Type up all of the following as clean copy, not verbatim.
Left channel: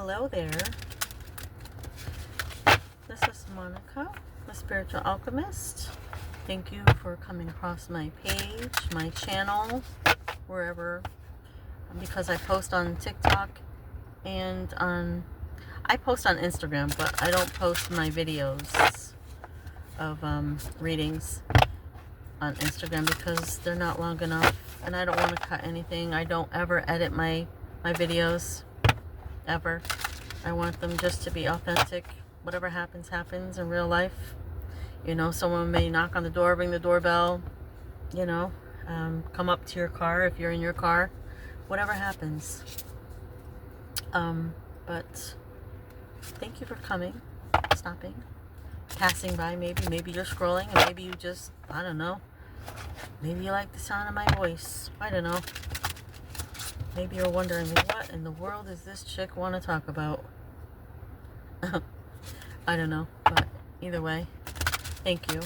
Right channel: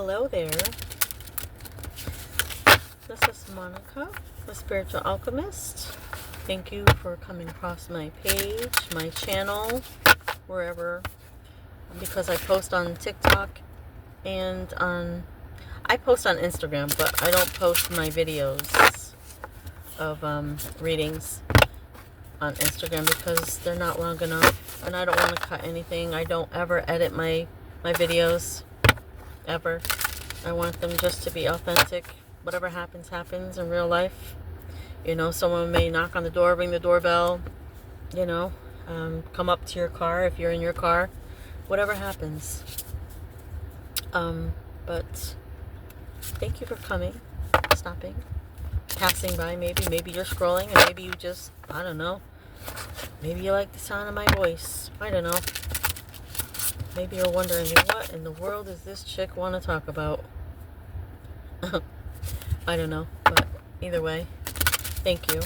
Hello there. This is Monica, the Spiritual Alchemist. Thank you for coming across my page, my channel, wherever, because I post on TikTok and I post on Instagram, but I don't post my videos of readings on Instagram because they're not long enough and I don't want to cut anything. I don't ever edit my videos, ever. I want them just to be authentic. Whatever happens, happens in real life. You know, someone may knock on the door, ring the doorbell, you know, come up to your car if you're in your car. Whatever happens. But thank you for coming, stopping, passing by maybe. Maybe you're scrolling and maybe you just, I don't know. Maybe you like the sound of my voice. I don't know. Maybe you're wondering, what in the world does this chick want to talk about? I don't know. But either way, thank you.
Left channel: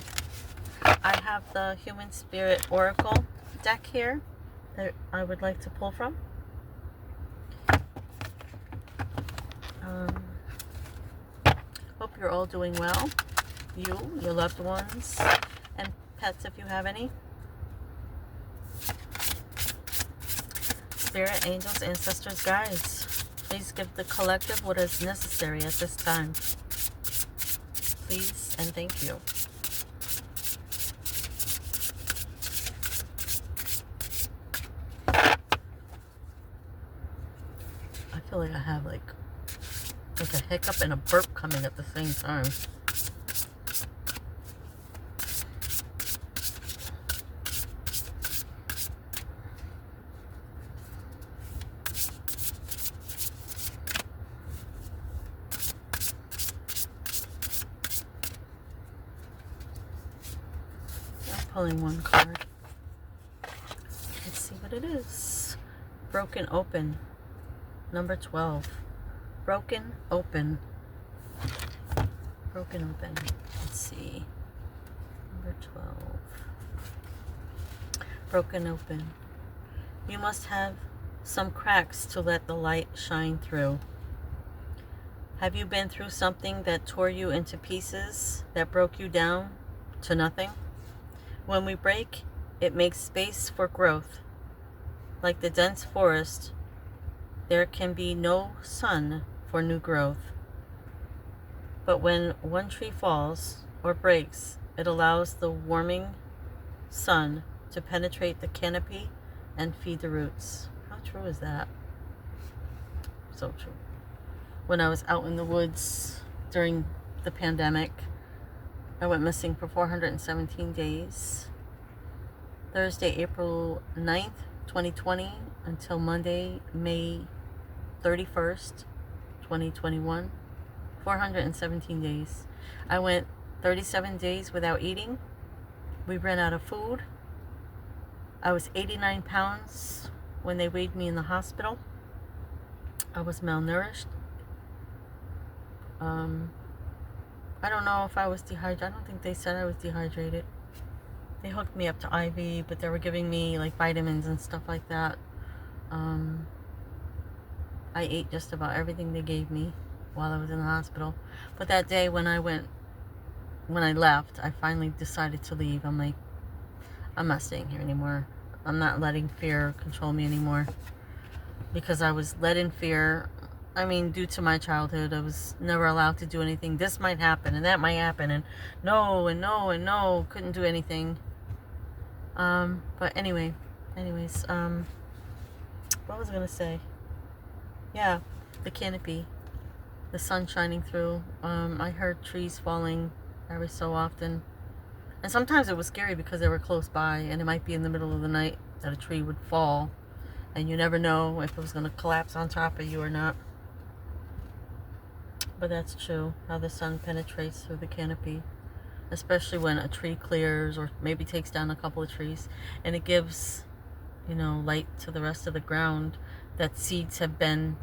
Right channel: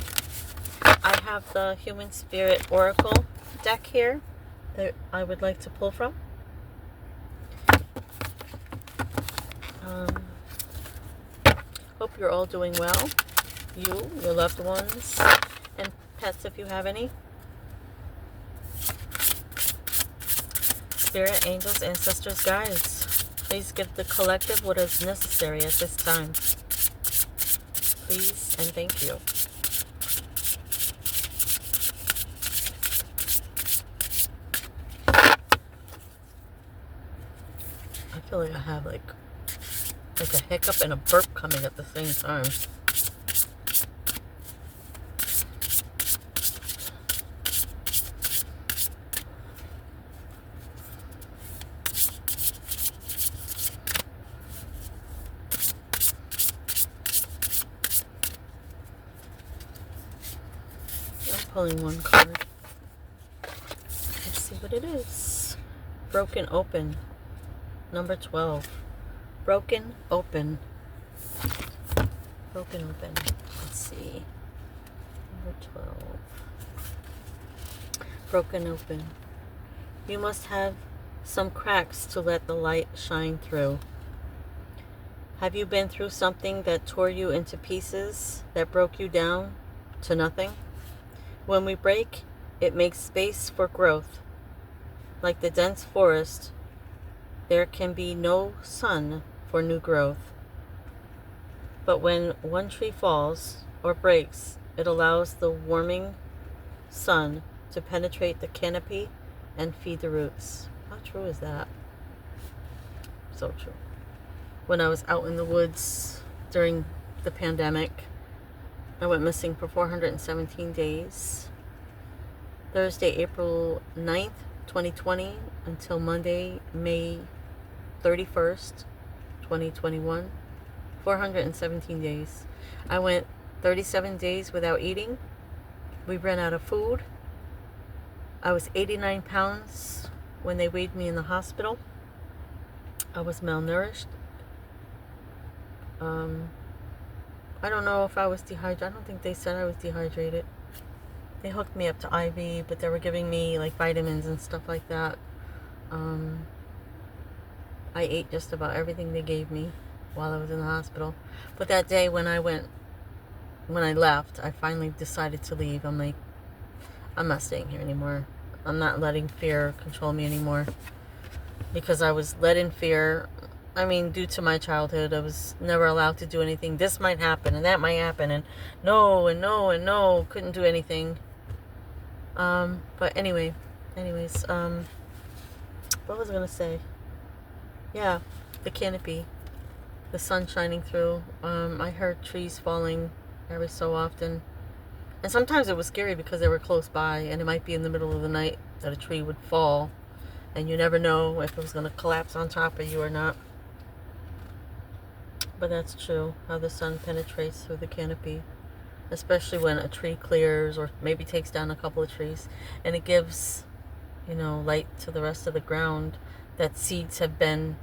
I have the Human Spirit Oracle deck here that I would like to pull from. Hope you're all doing well. You, your loved ones, and pets if you have any. Spirit, angels, ancestors, guides, please give the collective what is necessary at this time. Please and thank you. I feel like I have like a hiccup and a burp coming at the same time. Pulling one card. Let's see what it is. Broken Open. Number 12. Broken Open. Broken Open. Let's see. Number 12. Broken Open. You must have some cracks to let the light shine through. Have you been through something that tore you into pieces, that broke you down to nothing? When we break, it makes space for growth. Like the dense forest, there can be no sun for new growth. But when one tree falls or breaks, it allows the warming sun to penetrate the canopy and feed the roots. How true is that? So true. When I was out in the woods during the pandemic, I went missing for 417 days. Thursday, April 9th, 2020 until Monday, May 31st, 2021. 417 days. I went 37 days without eating. We ran out of food. I was 89 pounds when they weighed me in the hospital. I was malnourished. I don't know if I was dehydrated. I don't think they said I was dehydrated. They hooked me up to IV, but they were giving me like vitamins and stuff like that. I ate just about everything they gave me while I was in the hospital. But that day when I left, I finally decided to leave. I'm like, I'm not staying here anymore. I'm not letting fear control me anymore. Because I was led in fear. I mean, due to my childhood, I was never allowed to do anything. This might happen and that might happen, and no, and no, and no, couldn't do anything. But anyways, what was I gonna say? Yeah, the canopy, the sun shining through. I heard trees falling every so often, and sometimes it was scary because they were close by, and it might be in the middle of the night that a tree would fall, and you never know if it was gonna collapse on top of you or not. But that's true, how the sun penetrates through the canopy, especially when a tree clears or maybe takes down a couple of trees, and it gives, you know, light to the rest of the ground that seeds have been,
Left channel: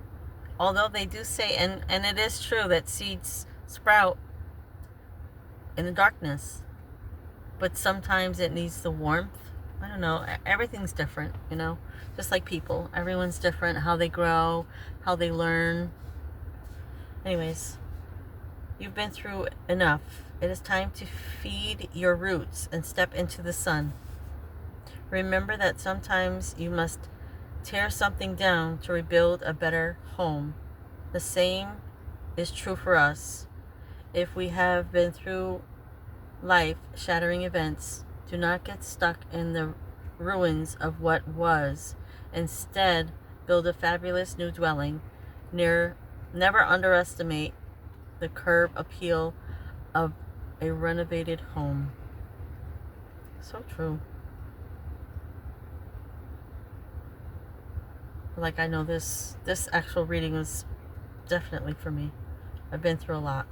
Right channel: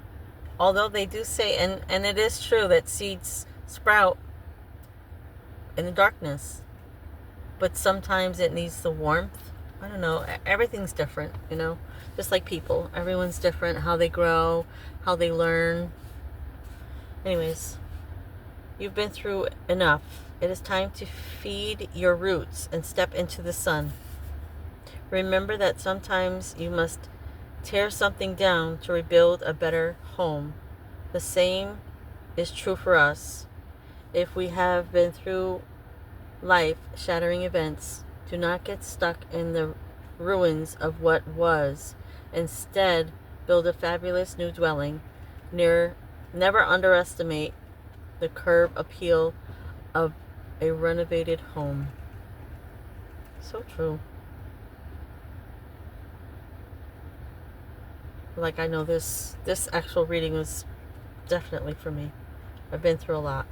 although they do say, and it is true that seeds sprout in the darkness, but sometimes it needs the warmth. I don't know, everything's different, you know, just like people. Everyone's different, how they grow, how they learn, Anyways, you've been through enough. It is time to feed your roots and step into the sun. Remember that sometimes you must tear something down to rebuild a better home. The same is true for us. If we have been through life-shattering events, do not get stuck in the ruins of what was. Instead, build a fabulous new dwelling. Never underestimate the curb appeal of a renovated home. So true. Like, I know this actual reading was definitely for me. I've been through a lot.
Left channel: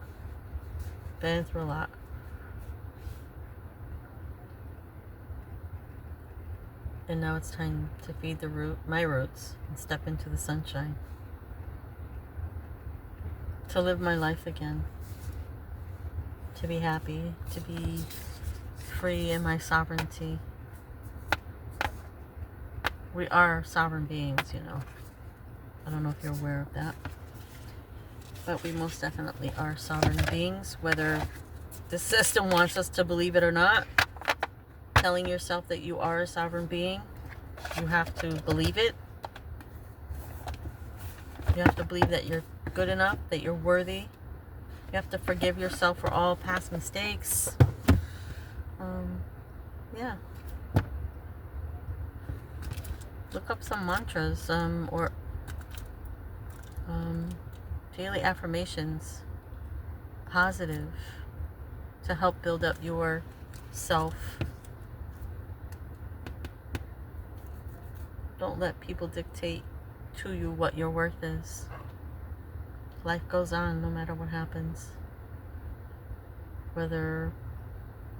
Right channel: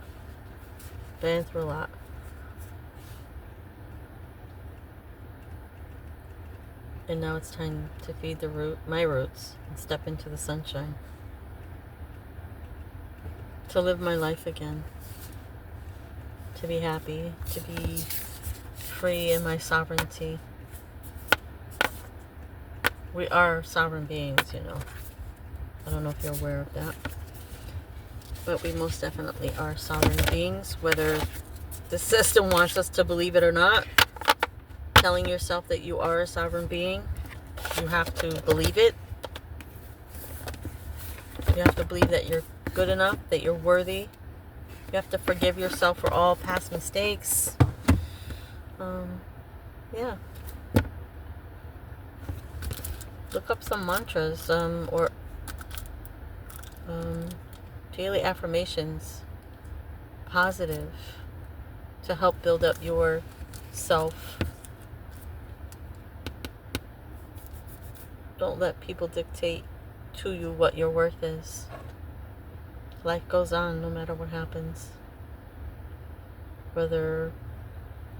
And now it's time to feed my roots and step into the sunshine. To live my life again. To be happy. To be free in my sovereignty. We are sovereign beings, you know. I don't know if you're aware of that. But we most definitely are sovereign beings, whether the system wants us to believe it or not. Telling yourself that you are a sovereign being, you have to believe it. You have to believe that you're good enough, that you're worthy. You have to forgive yourself for all past mistakes. Yeah. Look up some mantras or daily affirmations, positive, to help build up your self. Don't let people dictate to you what your worth is. Life goes on no matter what happens. Whether,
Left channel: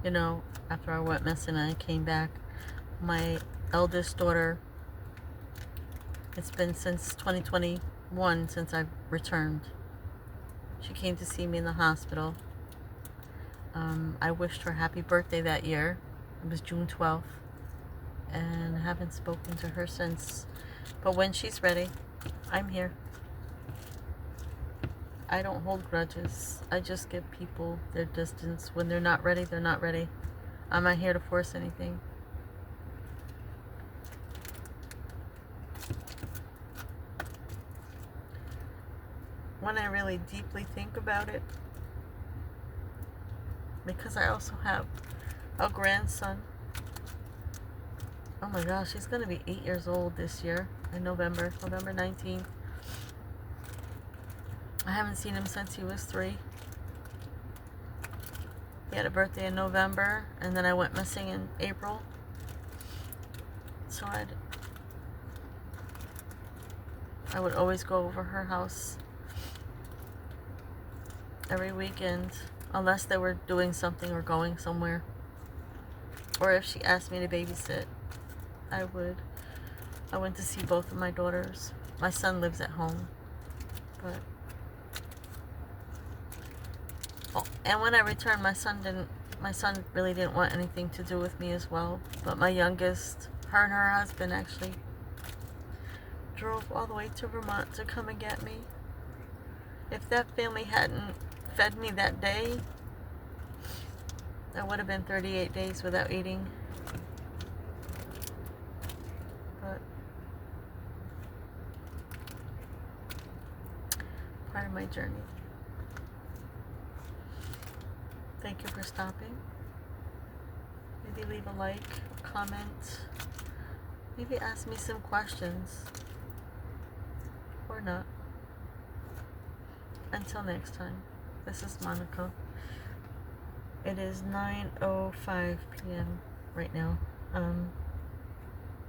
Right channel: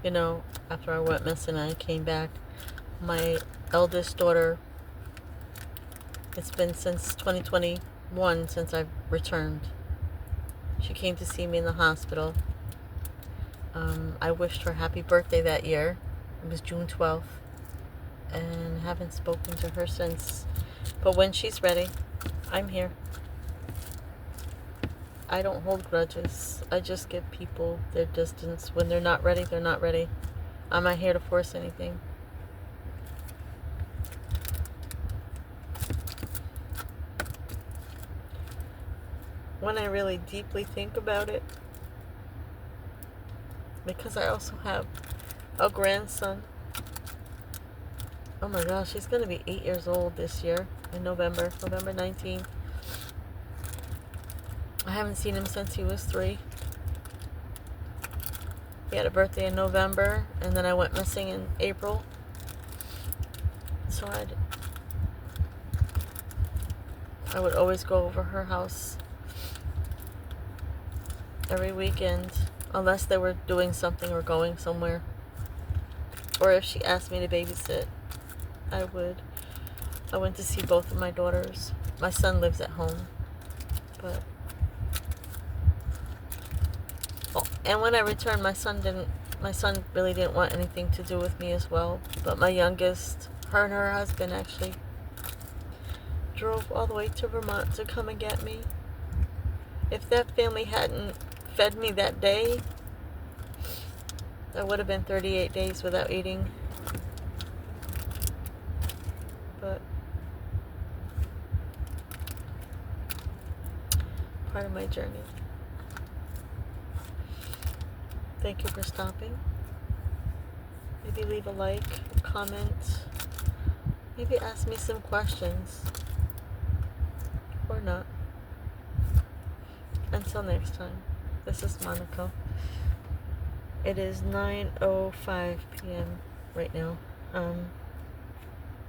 you know, after I went missing and I came back, my eldest daughter, it's been since 2021 since I've returned. She came to see me in the hospital. I wished her happy birthday that year. It was June 12th. And I haven't spoken to her since. But when she's ready, I'm here. I don't hold grudges. I just give people their distance. When they're not ready, they're not ready. I'm not here to force anything. When I really deeply think about it, because I also have a grandson. Oh my gosh, he's going to be 8 years old this year in November 19th. I haven't seen him since he was 3. He had a birthday in November, and then I went missing in April. So I would always go over her house every weekend, unless they were doing something or going somewhere. Or if she asked me to babysit, I would. I went to see both of my daughters. My son lives at home. But and when I returned, my son really didn't want anything to do with me as well. But my youngest, her and her husband actually drove all the way to Vermont to come and get me. If that family hadn't fed me that day, that would have been 38 days without eating. But part of my journey. Thank you for stopping. Maybe leave a like, a comment. Maybe ask me some questions. Or not. Until next time. This is Monica. It is 9:05 p.m. right now.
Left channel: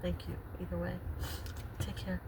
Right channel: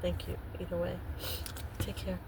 Thank you. Either way. Take care.